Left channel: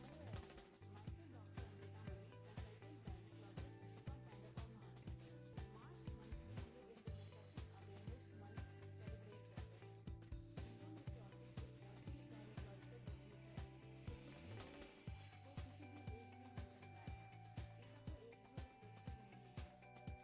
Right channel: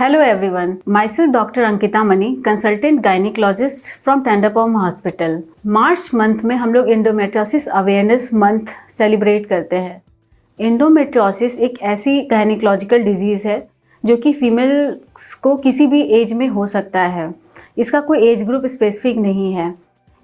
Hello everyone, myself Dr. Ankita Mani, consultant gynecologist from Tenderpalm Hospital. March month में हम लोग endometriosis awareness month celebrate करते हैं। Endometriosis एक ऐसी गायनिकोलॉजिकल डिजीज़ है जो कि फीमेल्स को किसी भी एज में हो सकता है। इसका कोई एज ग्रुप स्पेसिफिक नहीं है।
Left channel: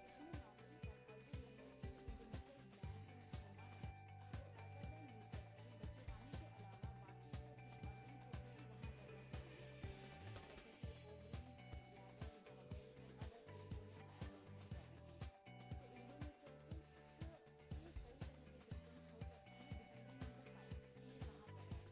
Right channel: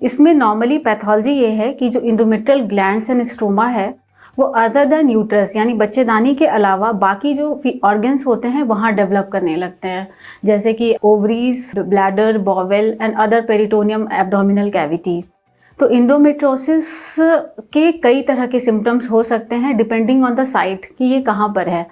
इसमें नॉर्मली पैथोलॉजी ये है कि जो इंडोमेट्रियल ग्लैंड्स एंड स्ट्रोमा है वो अदर देन यूट्रस यानी बच्चेदानी के अलावा बाकी जो ऑर्गन्स होते हैं वहाँ डेवलप करने लगते हैं, जैसे कि ovaries, bladder, bowel and other peritoneum abdominal cavity. तो इंडोमेट्रियोसिस के कई तरह के सिम्टम्स हो सकते हैं डिपेंडिंग ऑन द साइट कि ये कहाँ पर है।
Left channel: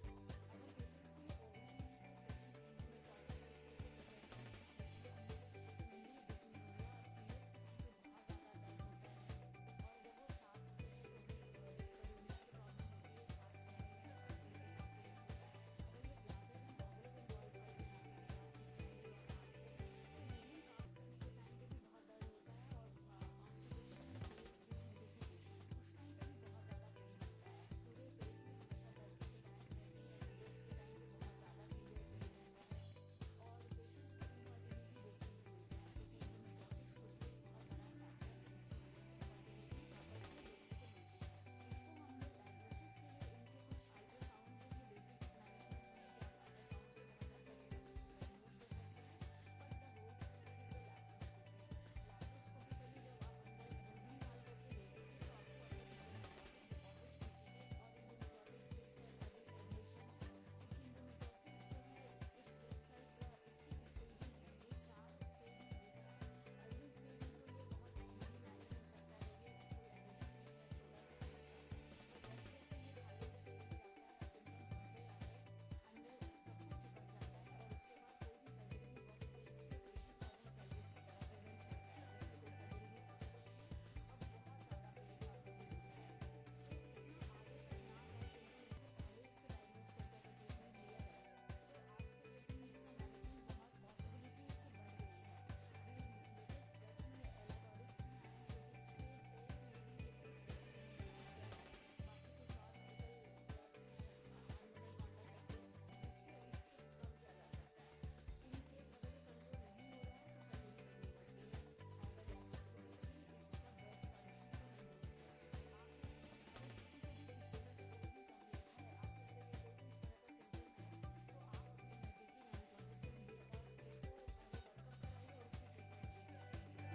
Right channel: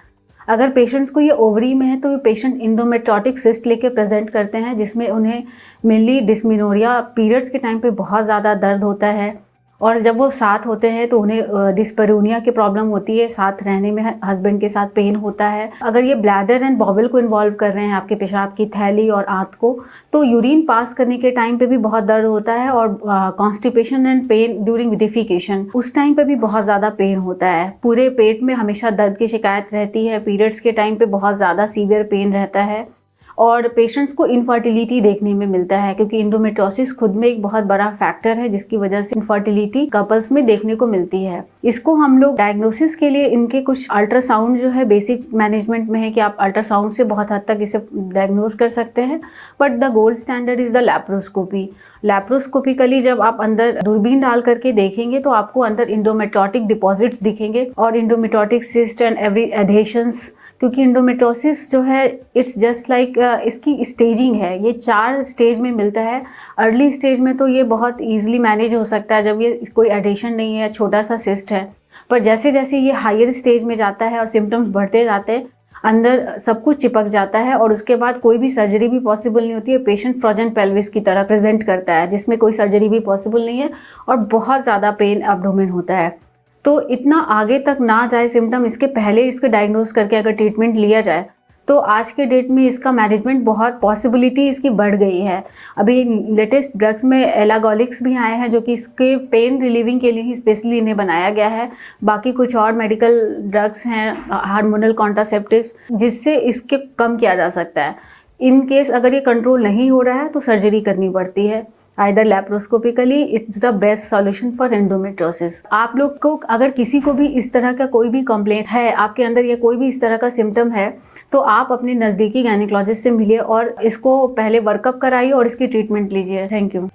अगर पेशेंट्स को ये ओवरी में है तो ये पेशेंट इंडोमेट्रियोटिक सिस्ट लेके प्रेजेंट करते हैं, जिसमें उन्हें मेनली डिस्मिनोरिया पीरियड्स के टाइम पे बहुत ज़्यादा दर्द होता है, और जब वो साथ होते हैं तो उन्हें डिस्पैरिनिया की प्रॉब्लम होती है, साथ रहने में हस्बैंड के साथ पेन होता है। अगर ये ब्लैडर एंड बॉवल को इन्वॉल्व कर रहे हैं, आपके पेशाब की थैली और आंत को, तो यूरिन पास करने के टाइम पे भी बहुत दर्द होता है, और constipation and pen during defecation उस टाइम पे भी बहुत ज़्यादा पेन होता है। पूरे पेट में हमेशा दर्द की शिकायत रहती है, पीरियड्स के टाइम पे बहुत ज़्यादा सीवियर पेन रहता है, और पेशेंट्स को इनफर्टिलिटी देखने में मिलता है, क्योंकि इंडोमेट्रियोसिस खुद में एक बहुत बड़ा फैक्टर है जिसकी वजह से इनफर्टिलिटी कपल्स में देखने को मिलती है। इसको हम लोग डायग्नोसिस के लिए इनके कुछ अल्ट्रासाउंड जो है बेसिक मैनेजमेंट में है कि आप अल्ट्रासाउंड से बहुत हद तक इसे डायग्नोज कर सकते हैं, but the gold standard is the laparoscopy. Laparoscopically जब आप अंदर दूरबीन डाल करके देखेंगे तो आपको अंदर इंडोमेट्रियोटिक डिपॉजिट्स दिखेंगे और इंडोमेट्रियोटिक सिस्ट एंड एवरी एडेशंस, क्योंकि इंडोमेट्रियोसिस जो है इट्स जस्ट लाइक इसकी स्टेजिंग है। ये 4 स्टेज में मिलता है। अर्ली स्टेज में तो ये बहुत ईजिली मैनेज हो सकता है जब ये कोई एडिशन नहीं है, छोटा सा सिस्ट है, पर जैसे जैसे ये हायर स्टेज में जाता है और सिम्टम्स बढ़ते जाते हैं, अंदर सब कुछ चिपक जाता है और उसके बाद कोई भी सर्जरी भी पॉसिबल नहीं होती है। पेशेंट फ्रोजन पेल्विस की तरह प्रेजेंट करता है, जिसमें कोई सर्जरी भी पॉसिबल नहीं है और बहुत ज़्यादा पेन एब्डोमेन होता है। तो इतना आगे तक ना जाए सिम्टम, इसके पहले इसके डायग्नोज करके अगर ट्रीटमेंट लिया जाए तो आज के डेट में इसका मैनेजमेंट बहुत पॉसिबिलिटी इसकी बढ़ गई है। अभी लेटेस्ट ड्रग्स में एलागोलिक्स भी आए हैं जो कि इसके पेन रिलीविंग के लिए ही स्पेशली इन्हें बनाया गया है। बाकी कुछ और मेडिकल ड्रग्स हैं, हार्मोनल कॉन्ट्रासेप्टिव्स, जिससे इसके कम किया जा सकता है। इन केस अगर ये कंट्रोल नहीं हो रहा है तो सर्जरी करनी पड़ती है। Either laparoscopically, it's the best solution for endometriosis. आप लोग को अगर किसी को भी इस तरह का कोई भी कंप्लेंट है, आपके अंदर या कोई भी इस तरह का सिम्टम है, तो आप अपने नज़दीकी गायनिकोलॉजिस्ट से मिलिए और इसको पहले वर्कअप कराइए और इसकी ट्रीटमेंट लीजिए। Thank you.